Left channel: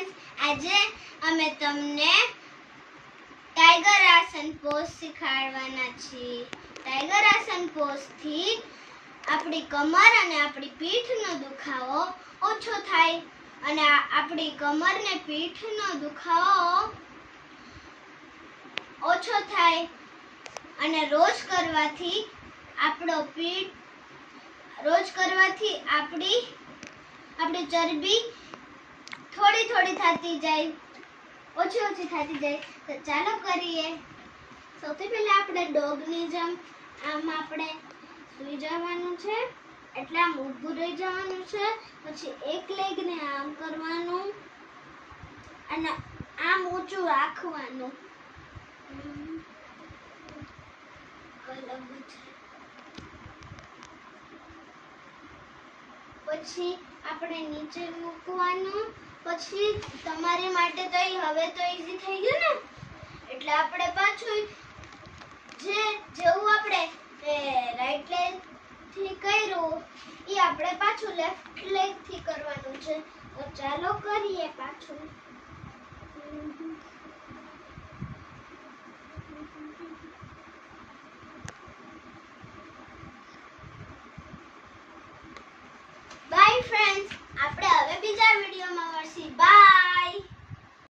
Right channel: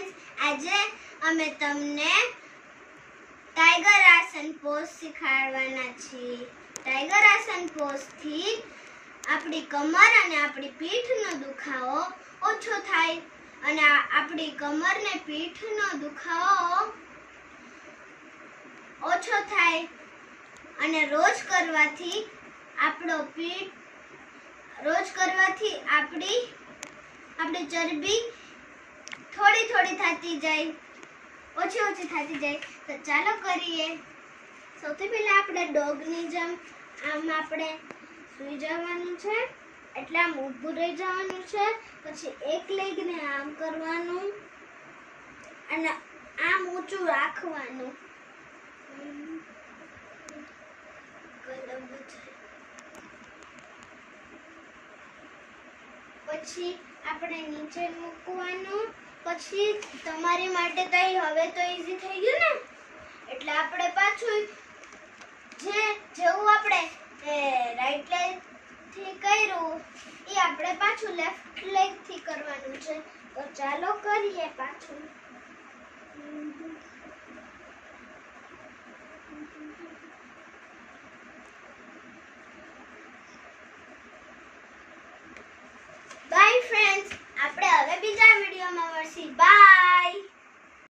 Friends, આજે અમે તમને ટાઈગર આસન પોઝ શીખવાડવાના છીએ। ટાઈગર આસન પોઝ થી આપણી કમર અને આપણી પીઠનો દુખાવો ઓછો થાય અને આપણી કમર ને પીઠનો દુખાવો ઓછો થાય અને રોજ કરવાથી આપણી ચરબી થોડી થતી જાય, ઓછી થતી જાય। તો ચાલો કરીએ। સૌથી પહેલા આપણે ડોગની જેમ આમ આપણે સૂઈ જવાનું છે, એટલે આમ ઊભું રહી જવાનું છે। પછી એક લેગને આમ કરવાનું અને આમ ઊંચું રાખવાનું। પછી આપણે નીચે મૂકવાનું। પછી તમારી માટે તો હવે તો ઈઝી થઈ ગયું ને, એટલે આપણે પાછું જેવું આપણે રાઈટ લેગ થી કર્યું એ આપણે પાછું લેફ્ટ લેગ થી કરવાનું છે। તો ચાલો કરીએ પાછું। બાય ફ્રેન્ડ્સ, આપણે હવે બીજા વિડીયોમાં મળશું। બાય।